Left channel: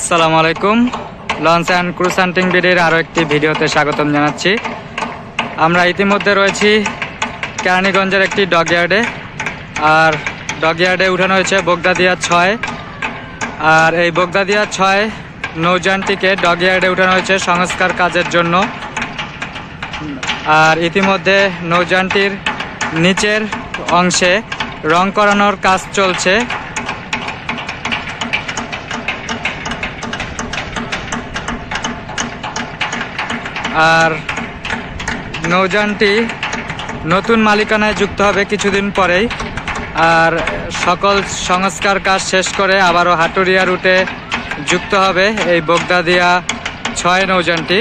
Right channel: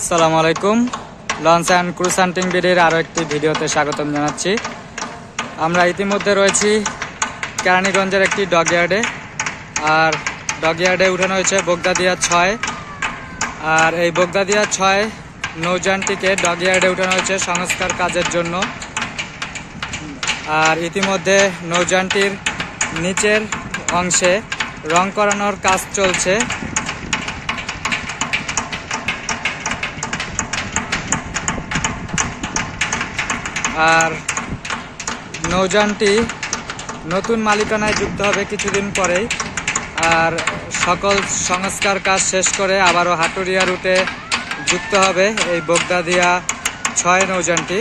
আসসালামু আলাইকুম। Launch and cruise হান্টিং বিডির আরও একটি ভিডিওতে স্বাগতম জানাচ্ছি। আমরা ইতিমধ্যে রয়েছি কেরানীগঞ্জের একটি ডকইয়ার্ডে। আর ডকইয়ার্ডে উঠানো হয়েছে বগদাদিয়া 6। আর এই বগদাদিয়া 6 নৌযানটিকে ডকইয়ার্ডে উঠানো হয়েছে সংস্কার কাজের জন্য। আর ইতিমধ্যে নৌযানটির নিচের অংশে রং করানোর কাজ চলছে। আর নৌযানটি নতুন মালিকানায় যুক্ত হবে কিছুদিন পরেই। আর সকল সংস্কার কাজ শেষ করে আবারও হাটুরিয়া রুটে যুক্ত হবে এই বগদাদিয়া 6 নৌযানটি।